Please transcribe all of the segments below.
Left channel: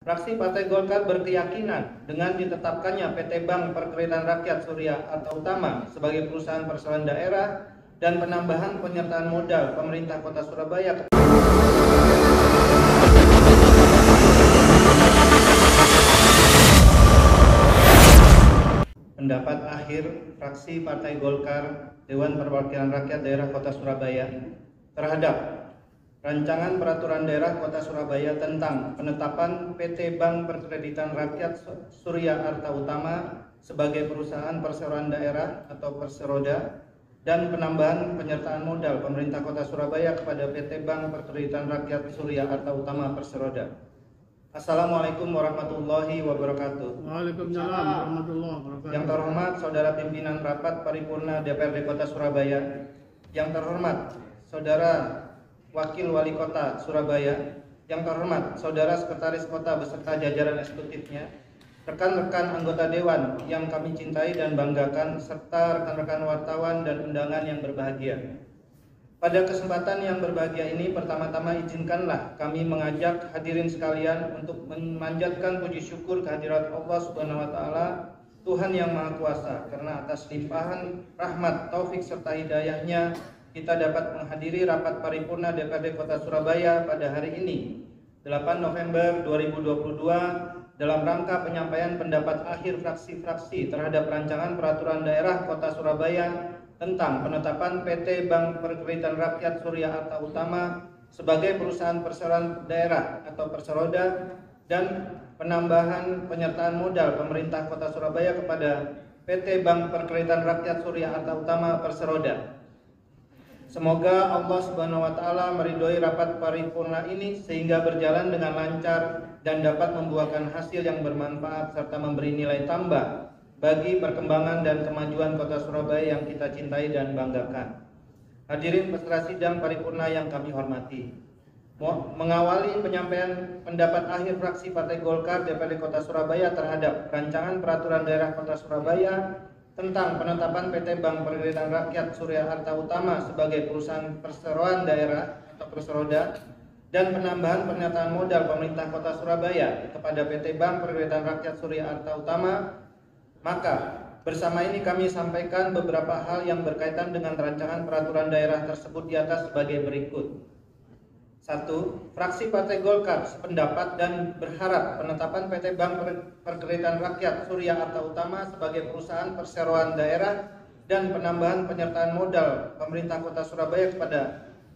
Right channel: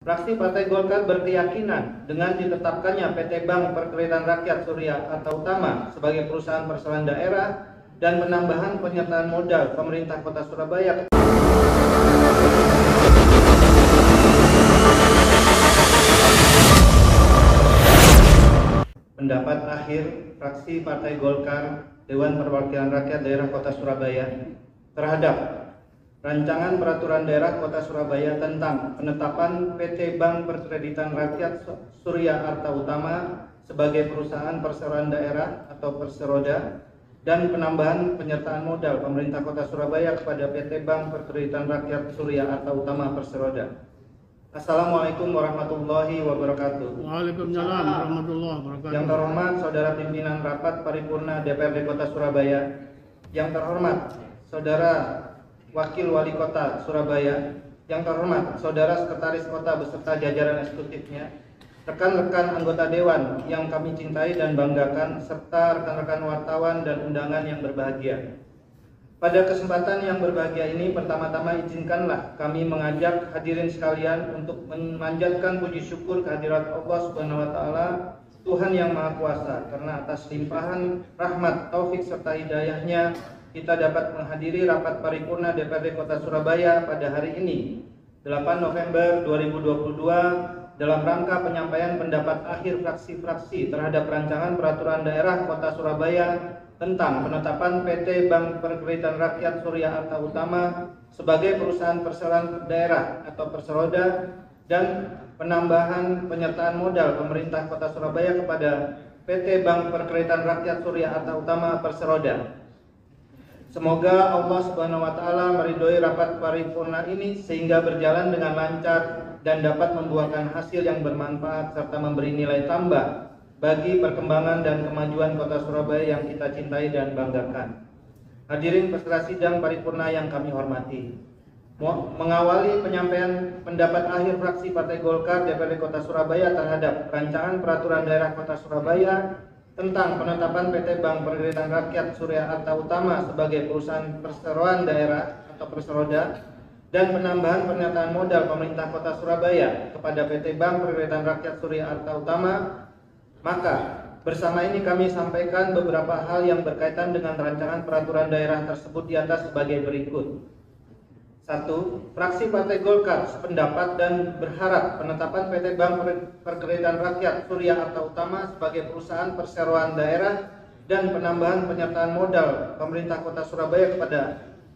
Fraksi Partai Golkar berkeyakinan dengan ditetapkannya PT Bank Perkreditan Rakyat Surya Arta Utama sebagai perusahaan perseroan daerah dan penambahan penyertaan modal pemerintah Kota Surabaya. Pendapat akhir fraksi Partai Golkar Dewan Perwakilan Rakyat Daerah Kota Surabaya terhadap Rancangan Peraturan Daerah Kota Surabaya tentang penetapan PT Bank Perkreditan Rakyat Surya Arta Utama sebagai perusahaan perseroan daerah atau Perseroda dan penambahan penyertaan modal pemerintah Kota Surabaya kepada PT Bank Perkreditan Rakyat Surya Arta Utama Perseroda. Assalamualaikum warahmatullahi wabarakatuh. Waalaikumsalam warahmatullahi wabarakatuh. Yang terhormat Saudara Pimpinan Rapat Paripurna DPRD Kota Surabaya, yang terhormat Saudara Wakil Wali Kota Surabaya, yang terhormat Saudara Sekretaris Kota beserta jajaran eksekutifnya, rekan-rekan anggota Dewan yang kami cintai dan banggakan, serta rekan-rekan wartawan dan undangan yang berbahagia. Pada kesempatan yang berbahagia ini, pertama-tama izinkanlah kami mengajak hadirin sekalian untuk memanjatkan puji syukur kehadirat Allah Subhanahu wa Ta'ala, Tuhan yang Maha Kuasa, karena atas limpahan rahmat, taufik serta hidayahnya kita dapat menghadiri rapat paripurna DPRD Kota Surabaya pada hari ini, 8 November 2022, dalam rangka penyampaian pendapat akhir fraksi-fraksi terhadap Rancangan Peraturan Daerah Kota Surabaya tentang penetapan PT Bank Perkreditan Rakyat Surya Arta Utama sebagai perusahaan perseroan daerah atau Perseroda dan penambahan penyertaan modal pemerintah Kota Surabaya kepada PT Bank Perkreditan Rakyat Surya Arta Utama Perseroda. Semoga Allah Subhanahu wa Ta'ala meridhoi rapat paripurna ini sehingga berjalan dengan lancar dan dapat membuahkan hasil yang bermanfaat serta memberi nilai tambah bagi perkembangan dan kemajuan Kota Surabaya yang kita cintai dan banggakan. Hadirin peserta sidang paripurna yang kami hormati, mengawali penyampaian pendapat akhir fraksi Partai Golkar DPRD Kota Surabaya terhadap Rancangan Peraturan Daerah Kota Surabaya tentang penetapan PT Bank Perkreditan Rakyat Surya Arta Utama sebagai perusahaan perseroan daerah atau Perseroda dan penambahan penyertaan modal pemerintah Kota Surabaya kepada PT Bank Perkreditan Rakyat Surya Arta Utama, maka bersama ini kami sampaikan beberapa hal yang berkaitan dengan rancangan peraturan daerah tersebut di atas sebagai berikut. 1. Fraksi Partai Golkar sependapat dan berharap penetapan PT Bank Perkreditan Rakyat Surya Arta Utama sebagai perusahaan perseroan daerah dan penambahan penyertaan modal pemerintah Kota Surabaya kepada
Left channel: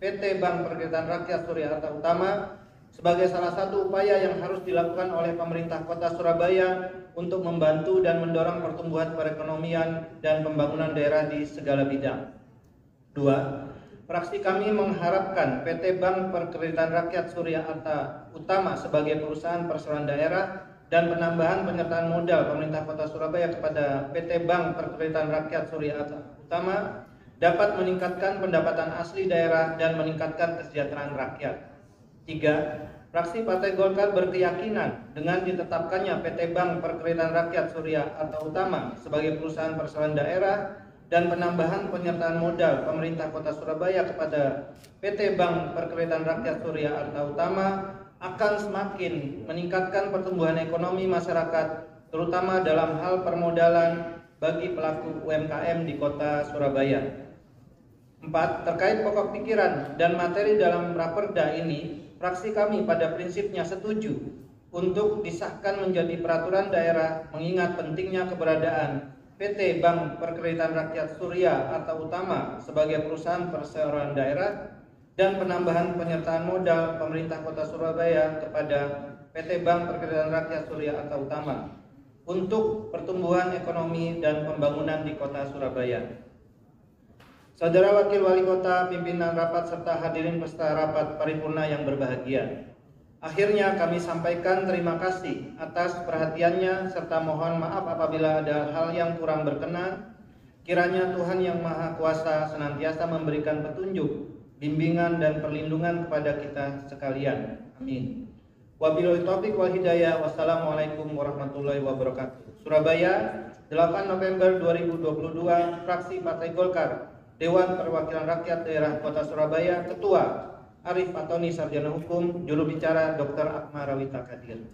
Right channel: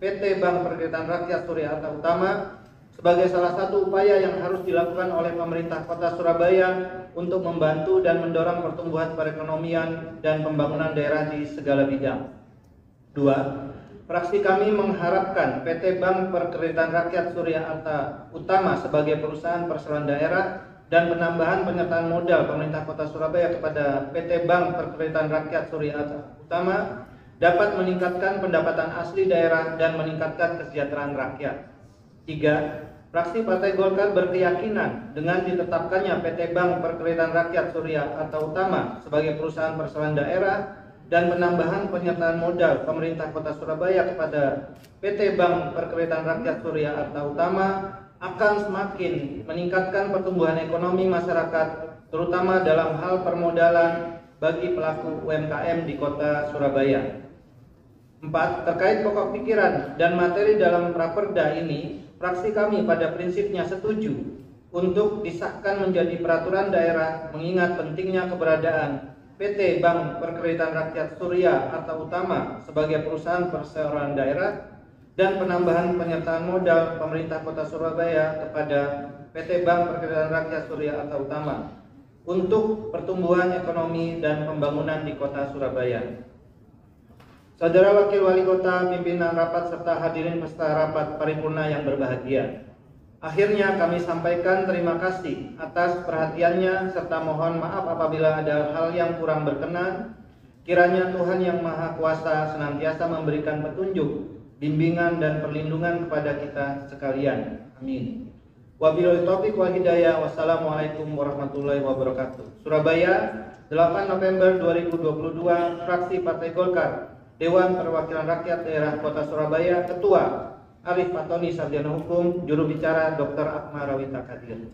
PT Bank Perkreditan Rakyat Surya Arta Utama sebagai salah satu upaya yang harus dilakukan oleh pemerintah Kota Surabaya untuk membantu dan mendorong pertumbuhan perekonomian dan pembangunan daerah di segala bidang. 2. Fraksi kami mengharapkan PT Bank Perkreditan Rakyat Surya Arta Utama sebagai perusahaan perseroan daerah dan penambahan penyertaan modal pemerintah Kota Surabaya kepada PT Bank Perkreditan Rakyat Surya Arta Utama dapat meningkatkan pendapatan asli daerah dan meningkatkan kesejahteraan rakyat. 3. Fraksi Partai Golkar berkeyakinan dengan ditetapkannya PT Bank Perkreditan Rakyat Surya Arta Utama sebagai perusahaan perseroan daerah dan penambahan penyertaan modal pemerintah Kota Surabaya kepada PT Bank Perkreditan Rakyat Surya Arta Utama akan semakin meningkatkan pertumbuhan ekonomi masyarakat, terutama dalam hal permodalan bagi pelaku UMKM di Kota Surabaya. 4. Terkait pokok pikiran dan materi dalam Raperda ini, fraksi kami pada prinsipnya setuju untuk disahkan menjadi peraturan daerah mengingat pentingnya keberadaan PT Bank Perkreditan Rakyat Surya Arta Utama sebagai perusahaan perseroan daerah dan penambahan penyertaan modal pemerintah Kota Surabaya kepada PT Bank Perkreditan Rakyat Surya Arta Utama untuk pertumbuhan ekonomi dan pembangunan di Kota Surabaya. Saudara Wakil Wali Kota, pimpinan rapat serta hadirin peserta rapat paripurna yang berbahagia, akhirnya kami sampaikan terima kasih atas perhatiannya serta mohon maaf apabila ada hal yang kurang berkenan. Kiranya Tuhan yang Maha Kuasa senantiasa memberikan petunjuk, bimbingan dan perlindungan kepada kita sekalian. Amin. Wabillahi taufiq wal hidayah. Wassalamualaikum warahmatullahi wabarakatuh. Surabaya, 8 November 2022, fraksi Partai Golkar, Dewan Perwakilan Rakyat Daerah Kota Surabaya, Ketua Arif Fatoni, Sarjana Hukum, Juru Bicara Dr. Akmal Rawita Kadir.